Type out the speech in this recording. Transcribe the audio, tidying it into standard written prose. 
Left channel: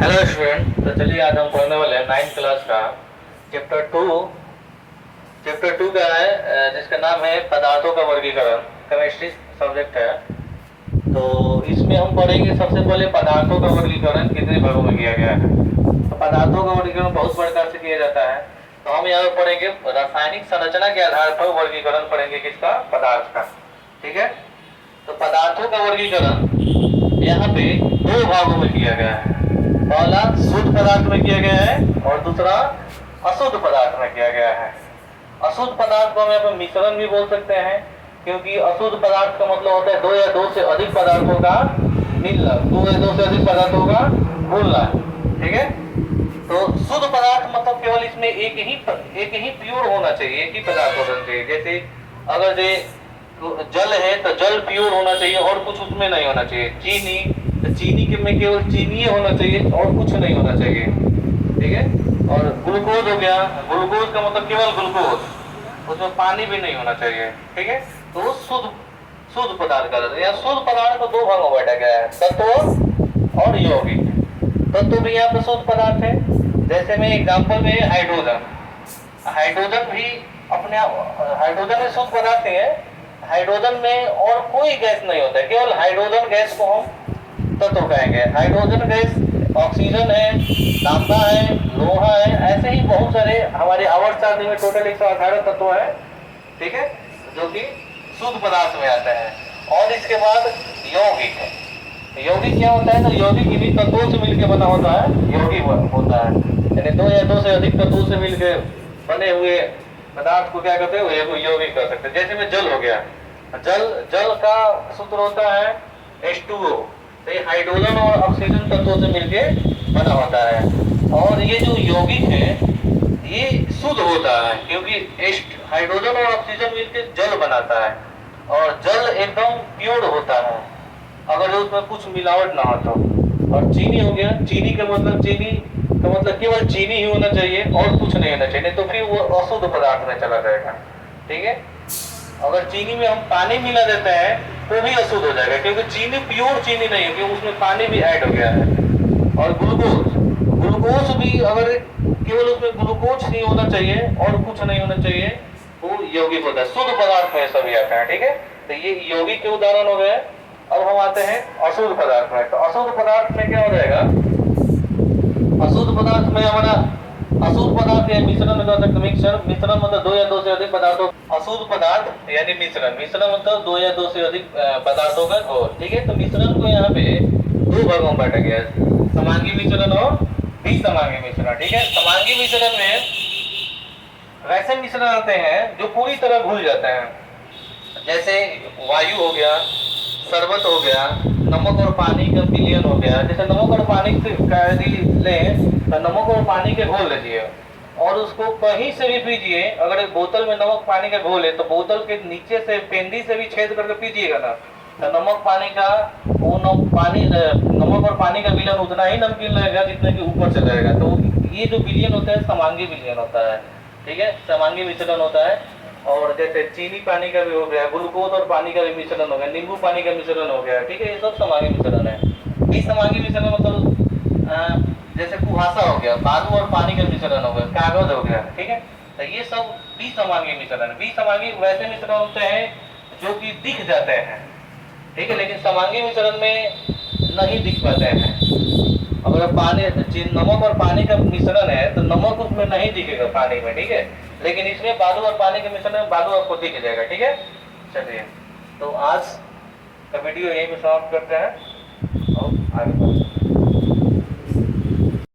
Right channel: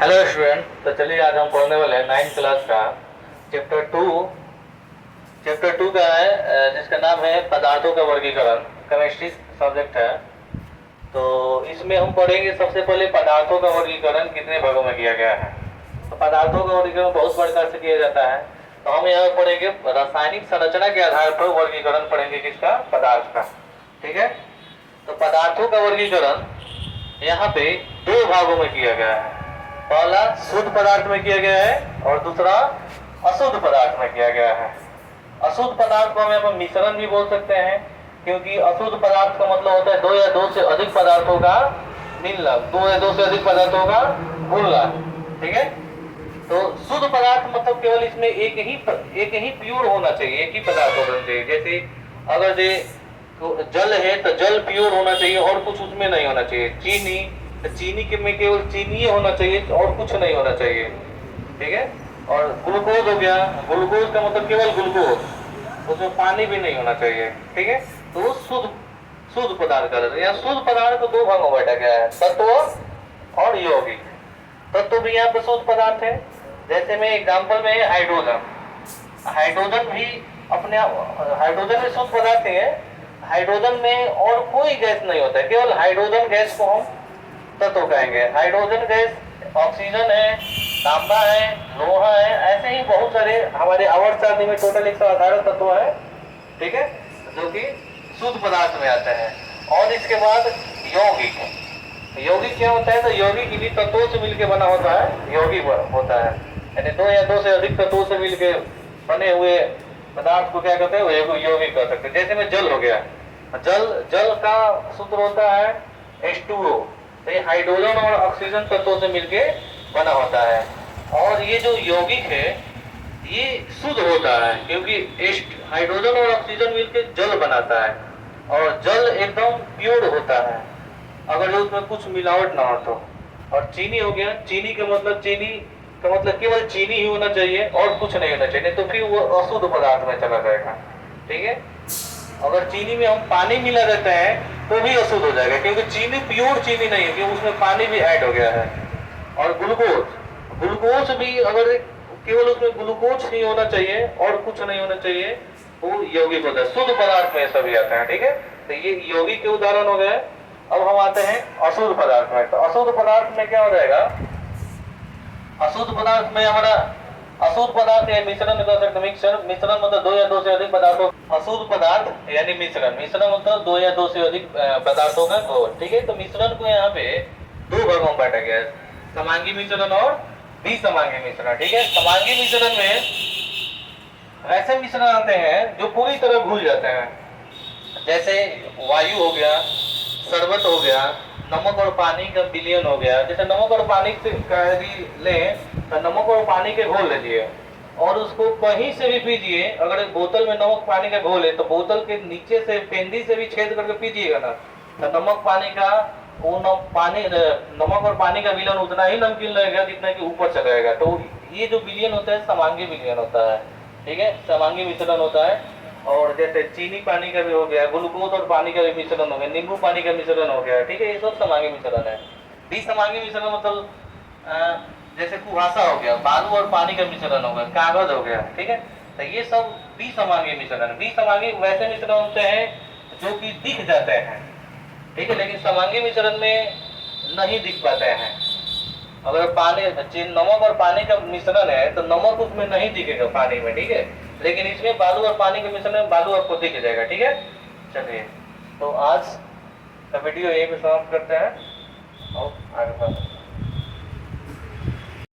Hello student. तो चलिए आज हम पढ़ने वाले हैं 9th क्लास का चैप्टर टू। चैप्टर टू का है जिसका नाम है पदार्थों का वर्गीकरण। केमिस्ट्री सब्जेक्ट है। तो इसमें हम पढ़ेंगे सबसे पहले पदार्थों का वर्गीकरण कितने भागों में किया गया है। तो पदार्थों का वर्गीकरण बहुत प्रकार से किया जाता है। तो हम यहाँ पढ़ेंगे रासायनिक संरचना के आधार पर वर्गीकरण पढ़ेंगे किसका, पदार्थ का। ठीक है। तो पदार्थों का वर्गीकरण यहाँ पे दो भागों में किया गया है। पहला शुद्ध पदार्थ में किया गया है और दूसरा अशुद्ध पदार्थ में किया गया है। अशुद्ध पदार्थ को हम यहाँ पर मिश्रण भी बोल सकते हैं, क्योंकि अशुद्ध पदार्थ का मतलब होता है दो या दो से अधिक पदार्थों का मिलना, दो या दो से अधिक पदार्थों का घुलना। ठीक है। तो शुद्ध पदार्थ मतलब केवल इसमें एक ही प्योर होना चाहिए, एक ही पदार्थ होना चाहिए। जैसे अगर जे तो जल है तो जल प्योर होना चाहिए और कुछ उसमें नहीं होना चाहिए। चीनी तो चीनी के में केवल चीनी ही होना चाहिए और कुछ नहीं होना चाहिए। ठीक है। और ग्लूकोज हो गया, ग्लूकोज का मतलब केवल ग्लूकोज, उसमें पानी भी नहीं होना चाहिए। ठीक है। तो शुद्ध पदार्थ का यहाँ शुद्ध पदार्थ को दो भागों में बांटा गया है, तत्व और यौगिक। तत्व भी यहाँ पर शुद्ध पदार्थ है। जैसे में एग्जाम्पल में हाइड्रोजन, हाइड्रोजन भी अपने हाइड्रोजन में शुद्ध पदार्थ है। हाइड्रोजन में और कोई गैस नहीं होता है, केवल हाइड्रोजन गैस को हम तत्व कहेंगे। हाइड्रोजन गैस ऑक्सीजन है, तांबा है, लोहा है, ऐसे ही बहुत सारे हमारे आवर्त सारणी में टोटल 118 तत्व है। ठीक है। जो कि शुद्ध पदार्थ में आता है। और इसके बाद यौगिक है। तो यौगिक क्या होता है, तो यौगिक इन्हीं तत्वों से मिलकर बना होता है, यौगिक होता है। यानी दो या दो से अधिक तत्वों से मिलकर बने हुए पदार्थ को क्या कहते हैं, यौगिक कर सकते हैं। जैसे में जल हो गया, जल का सूत्र होता है H2O। तो ये हाइड्रोजन और ऑक्सीजन तत्वों से मिलके बना होता है। और ये जो यौगिक है ये शुद्ध होता है, क्योंकि हाइड्रोजन और ऑक्सीजन मिलकर जल बनाता है और जल एकदम प्योर होता है अगर उसमें कुछ मिलावट ना हो तो। और चीनी हो गया, चीनी का मतलब केवल चीनी ही होना चाहिए और कुछ नहीं होना चाहिए, तो फिर वो अशुद्ध पदार्थ में चला जाएगा। ठीक है। अगर चीनी में हम पानी मिला देते हैं तो भी अशुद्ध हो जाएगा, क्योंकि चीनी प्योर चीनी नहीं है, क्योंकि उसमें पानी भी ऐड हो गया है। और ग्लूकोज भी अगर केवल उसमें ग्लूकोज ही होना चाहिए और कुछ नहीं होना चाहिए, वो यौगिक होता है। शुद्ध पदार्थ में सभी आते हैं। ठीक है। तो ये यौगिक के उदाहरण हो गए। अब हम आते हैं अशुद्ध पदार्थ में। तो अशुद्ध पदार्थ में क्या हो जाएगा, अशुद्ध पदार्थ में हमारा अशुद्ध पदार्थ या मिश्रण कर सकते। मिश्रण मतलब दो या दो से अधिक पदार्थों, अशुद्ध पदार्थ यानी मिश्रण मतलब दो या दो से अधिक पदार्थों का घोल। ठीक है। तो मिश्रण को यहाँ पे दो भागों में बांटा गया है, समांगी मिश्रण और विसमांगी मिश्रण। ठीक है। समांगी मिश्रण में वैसे मिश्रण आते हैं जो पूरी तरह घुल जाते हैं, जैसे वायु हो गया, शरबत हो गया, नमक और पानी का विलयन हो गया। जैसे नमक और पानी से लें तो नमक और पानी के घोल लीजिए और उसको कहीं से भी पीजिए। अगर बोतल में नमक पानी का घोल है तो बोतल के नीचे से पेंदी से भी छेद करके पीजिएगा ना, तो नमक और पानी का विलयन उतना ही नमकीन लगेगा जितना कि ऊपर से रहेगा। तो ये जो विलयन होता है समांगी विलयन होता है। ठीक है। समांगी मिश्रण होता है। और जैसे चीनी पानी का भी हो गया, ग्लूकोज और पानी का भी मिश्रण हो गया, नींबू पानी का मिश्रण हो गया। ठीक है। ये सब समांगी मिश्रण है। विसमांगी मिश्रण मतलब जैसे कुहासा हो गया, बालू और पानी का मिश्रण हो गया, कागज हो गया। ठीक है। तो ये सब विसमांगी मिश्रण। विसमांगी वैसे मिश्रण होते हैं जो कि दिख जाते हैं। ठीक है। लेकिन समांगी मिश्रण में नहीं दिख पाते हैं। अगर नमक और पानी का मिश्रण है तो नमक उसमें नहीं दिखेगा पानी में। ठीक है। लेकिन इसमें बालू और पानी के मिश्रण में बालू आपको दिख जाएगा। ठीक है। चलिए, तो आज का वीडियो यहीं पे समाप्त करते हैं और आगे बढ़ते हैं।